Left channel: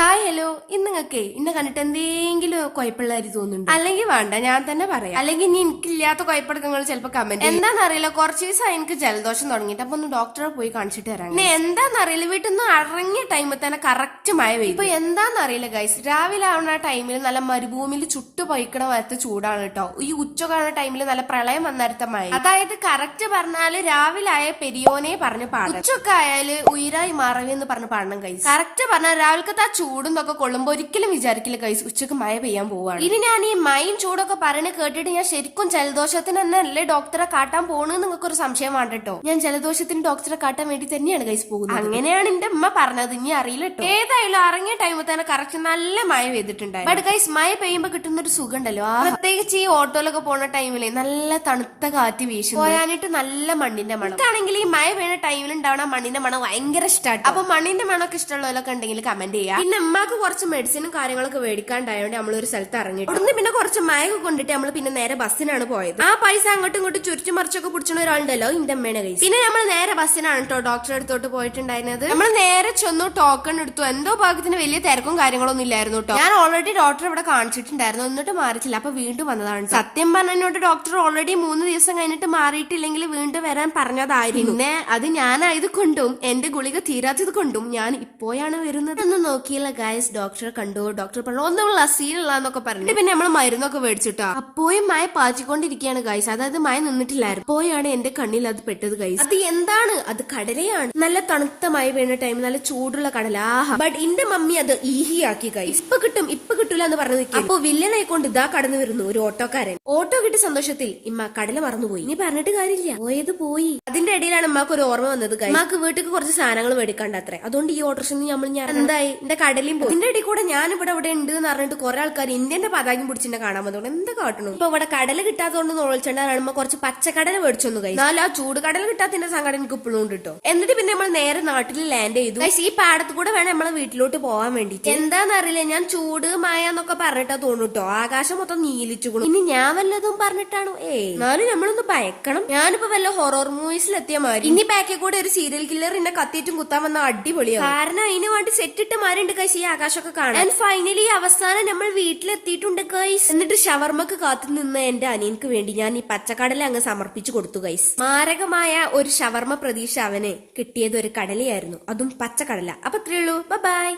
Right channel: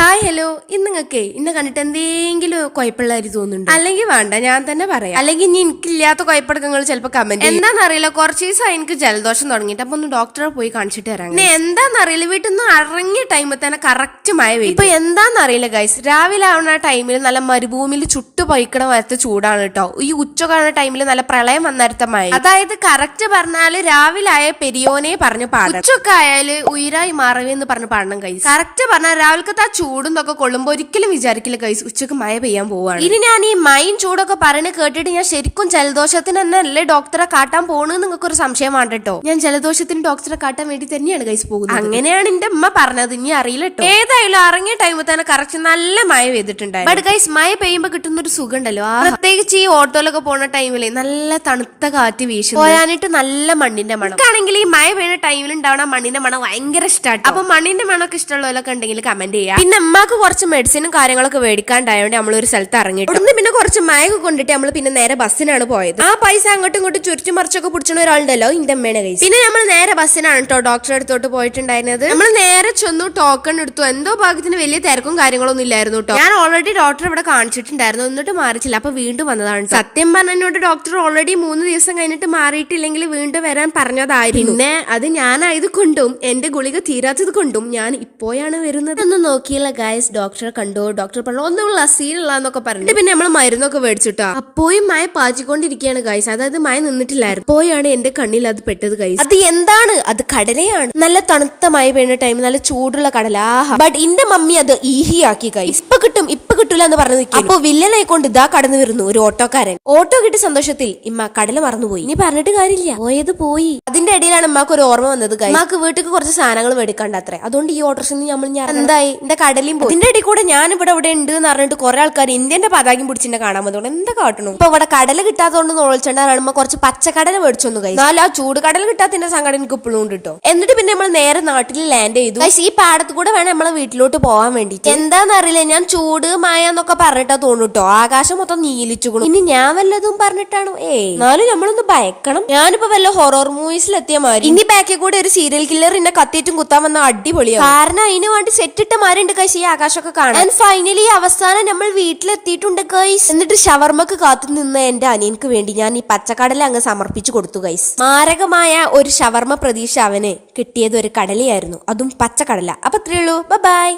Hi hello, ഇന്ന് നിങ്ങൾക്ക് ഇന്നെ കണ്ടിട്ട് എന്തെങ്കിലും കുഴപ്പമുള്ളതായിട്ട് തോന്നുന്നുണ്ട്? അല്ലെങ്കിൽ വേണ്ട, ഞാൻ തന്നെ പറയാം. അല്ലെങ്കിൽ ഇനി എനിക്കില്ലാത്ത കുഴപ്പമെടുക്കങ്ങൾ ചിലപ്പോൾ കമന്റ് എന്താണെന്നറിയില്ല. കുറച്ച് ദിവസമായി എനിക്ക് ജലദോഷം തുടങ്ങിയിട്ട്. അപ്പൊ ഒന്ന് ഡോക്ടറെ പോയി കാണിച്ചിട്ട് വരാം. പിന്നെ എന്താണെന്നറിയില്ല, വീട്ടിൽ നിന്ന് ഇറങ്ങിയ ടൈമിൽ തന്നെ കറക്റ്റ് മഴ പെയ്യും. ഇപ്പൊ എന്താണെന്നറിയില്ല ഗൈസ്, രാവിലെ ആവുന്ന ടൈമിൽ നല്ല മരുഭൂമിയിൽ ചുട്ടു പൊയ്ക്കണ വരത്തെ ചൂടാണ് കേട്ടോ. ഈ ഉച്ചക്കാണുന്ന ടൈമിൽ നല്ല പ്രളയം വന്നേരത്തെ മഴ. അതായത് കറക്റ്റ് പറഞ്ഞാല് രാവിലെ ആയ പെരിയോനെ പറഞ്ഞ് പാടണം, ഉച്ചൊക്കെ ആയാല് ഉയരായി മാറവെന്ന് പറഞ്ഞ് പാടണം ഗൈസ്. കറക്റ്റ് പറഞ്ഞാൽ രാവിലത്തെ ചൂടും ഒക്കെ കൊള്ളുമ്പോ ഒരിക്കലും വിചാരിക്കില്ല ഗൈസ് ഉച്ചക്ക് മഴ പെയ്യാൻ പോവാണ്. ഇനി ഞാൻ ഈ മൈൻ ചൂടൊക്കെ പറഞ്ഞ് കേട്ടിട്ട് ഞാൻ ശരിക്കും ജലദോഷത്തിന് തന്നെ അല്ലേ ഡോക്ടറെ കാട്ടാൻ പോണെന്ന് നിങ്ങൾക്ക് ഒരു സംശയം വേണ്ട കേട്ടോ. ഞാൻ ജലദോഷത്തിന് ഡോക്ടറെ കാട്ടാൻ വേണ്ടി തന്നെയാണ് ഗൈസ് പോകുന്നത്. അങ്ങനെയാണ് എന്റെ അമ്മ പറഞ്ഞത്, ഇനി അറിയില്ല കേട്ടോ. ഏതായാലും ഇറങ്ങിയ ടൈമിൽ തന്നെ കറക്റ്റ് നല്ല മഴ പെയ്തിട്ടുണ്ടായിരുന്നു. ബട്ട് ഗൈസ് മഴ പെയ്യുമ്പോ കിട്ടുന്ന ഒരു സുഖം ഉണ്ടല്ലോ, പ്രത്യേകിച്ച് ഈ ഓട്ടോയിലൊക്കെ പോണ ടൈമില് നല്ല തണുത്ത കാറ്റ് വീശും, പോയാനിട്ട് നല്ല മണ്ണിന്റെ മണം. ആണെങ്കിൽ ഈ മഴ പെയ്യുന്ന ടൈമിൽ ഉണ്ടാവണ മണ്ണിന്റെ മണം ഭയങ്കര ഇഷ്ടമാണ്. അപ്പൊ മണ്ണിന്റെ മണമൊക്കെ ഇഷ്ടമുള്ളവരൊക്കെ ഉണ്ടെങ്കിൽ കമന്റ് ചെയ്യാം. പിന്നെ അമ്മക്ക് കുറച്ച് മെഡിസിനും കാര്യങ്ങളൊക്കെ മേടിക്കാണ്ടായോണ്ട് നമ്മളൊരു സ്ഥലത്ത് ഇറങ്ങിയിട്ട് പിന്നെ കുറച്ച് മയക്ക് കൊണ്ടിട്ട് നമ്മൾ പിന്നെ നേരെ ബസ്സിനാണ് പോയത്. ആ പൈസ അങ്ങോട്ടും ഇങ്ങോട്ടും ചുരുട്ടി മറിച്ചൊക്കെ പിടിച്ചിട്ട് ഒരാളുണ്ടല്ലോ, ഇന്റെ അമ്മേനെ കൈസ്. പിന്നെ നമ്മൾ നേരെ ബസ്സിനാണ് കേട്ടോ ഡോക്ടറെ അടുത്തോട്ട് പോയിട്ടുണ്ടായിരുന്നത്. നമ്മൾ നേരെ ചെന്നു ടോക്കൺ എടുത്തു. എന്തോ ഭാഗത്തിന് വലിയ തിരക്കും കാര്യങ്ങളൊന്നും ഇല്ലായിരുന്നു കേട്ടോ. ഞാൻ ഓൾറെഡി ഡോക്ടറെ ഇവിടെ കാണിച്ചിട്ടുണ്ടായിരുന്നു, എന്നിട്ട് മാറിച്ചില്ല. അപ്പൊ വീണ്ടും വന്നതാണ്. സത്യം പറഞ്ഞോട്ട് ഡോക്ടർ ഓൾറെഡി 3 ദിവസം കഴിഞ്ഞിട്ട് മാറിയിട്ടില്ലെങ്കിൽ വീണ്ടും വരാൻ പറഞ്ഞതായിരുന്നു. പിന്നെ അത് ഞാനായത് കൊണ്ടും എന്റെ ഗുളിക തീരാത്തത് കൊണ്ടും ഞാൻ ഇപ്പോഴാണ് വരുന്നത് എന്ന് നോക്കിയില്ല ഗൈസ്. ഡോക്ടറെ കണ്ടു, ഡോക്ടർ പറഞ്ഞു ഒന്നുള്ള സീനുള്ളന്നൊക്കെ പറഞ്ഞു. പിന്നെ നമ്മൾ മരുന്നൊക്കെ മേടിച്ചിട്ടാ. അപ്പോഴും മഴ പാച്ചിക്കൊണ്ടിരിക്കുകയാണ് ഗൈസ്. അതായത് മഴ നിന്നിട്ടില്ലായിരുന്നു. അപ്പോഴാണ് എന്റെ കണ്ണിൽ അത് പെട്ടത് ഗൈസ്. അത് എന്താണ്? അത് കടലയാണ്. നല്ല തണുത്ത മഴ പെയ്യുന്ന ടൈം നല്ല ചൂടുള്ള കടല. ആഹാ. ബട്ട് എന്റെ മമ്മി അത് ഈഹിയാക്കി ഗൈസ്. ഇപ്പൊ കിട്ടൂല എന്ന് പറഞ്ഞു നിൽക്കും. അപ്പൊ വില്ലനായിക്കൊണ്ട് ഇതാ കടന്നു വരുന്നു ഒരു ഓട്ടോക്കാരൻ. ഓട്ടോ കിട്ടിയ സന്തോഷത്തിൽ ഇമ്മ കടല മറന്നുപോയി. ഇനി പറഞ്ഞിട്ട് കാര്യമില്ല, പോയത് പോയി. അതിന്റെ ഇടയിലാണ് ഉമ്മാക്ക് ഒരു ഓർമ്മ വന്നത് ഗൈസ്. ഉമ്മാക്ക് വീട്ടിൽ കുറച്ച് സാധനങ്ങൾ മേടിക്കണ്ടത്രേ. അതുകൊണ്ട് ഈ ഓട്ടോറിൽ നമ്മൾ എന്തായി എന്റെ കടലും പോയി. ഇതിന്റെ ഇടയിൽ കൂടെ ഞാൻ ഇവിടെ ഉണ്ട് എന്ന് പറഞ്ഞിട്ട് കുറെ ആൾക്കാർ ഇന്ത്യന്റെ പതാകം പിടിച്ചിട്ട് കാണാൻ വന്നോണ്ട് എന്താ കാട്ടണു. ഇപ്പൊ ഇവിടെ കടല കിട്ടാത്തതുകൊണ്ട് നോളിച്ചുണ്ടാകുമ്പോ കുറച്ച് പച്ചക്കടല മേടിച്ചൊന്നു കഴിച്ചു. എന്നാൽ ആ ചൂട് കടൽ കിട്ടാത്തതിന്റെ സങ്കടം എനിക്ക് ഇപ്പോഴും ഉണ്ട് കേട്ടോ. എന്നിട്ട് പിന്നെ നമ്മൾ നേരെ നാട്ടിൽ ലാൻഡ് ചെയ്തു. ഈ പാടത്ത് കൂടെ വേണം നമ്മളെ വീട്ടിലോട്ട് പോകാൻ വേണ്ടിട്ട്. എന്താന്നറിയില്ല, ഞാൻ ചൂട് മായ എന്നൊക്കെ പറഞ്ഞിട്ടാ തോന്നുട്ടോ. ആകാശം മൊത്തം നീലിച്ചുകൊള്ളു. ഇനി ഞാൻ വല്ലതും പറഞ്ഞിട്ടാണോ? എന്നാലും നമ്മളൊന്ന് ഭയക്കണം. ഞാനിപ്പോ വല്ല ഹൊറർ മൂവീസിലെത്തിയ മാതിരി. ഇനി ബാക്കിൽ കൂടെ ഒരു സീരിയൽ കില്ലർ എന്നെ കത്തിയിട്ടും കുത്താൻ വന്ന അടിപൊളിയാണ്. കാരണം അതിന് വേണ്ടി സെറ്റിട്ട മാരുണ്ട് കഴിച്ച് ഈ ആകാശമൊക്കെ കാണാൻ. ഫൈനലി അവസാനം നമ്മൾ വീട്ടിലെത്തിയിട്ടുണ്ട് ഗൈസ്. എന്നിട്ട് ഷവർമ്മക്ക് കാത്തു നിന്ന എന്റെ അനിയൻക്ക് വേണ്ടി ഞാൻ ഈ പച്ചക്കടല അങ്ങ് സമർപ്പിച്ചു കൊടുത്തു ഗൈസ്. മാരകമായ ഒരു ഷവർമ്മ പ്രതീക്ഷ അവന് കിട്ടിയത് ഒരു കടലയായിരുന്നു, അതും പച്ചക്കടല. അപ്പൊ അത്രേ ഉള്ളൂ. ബൈ.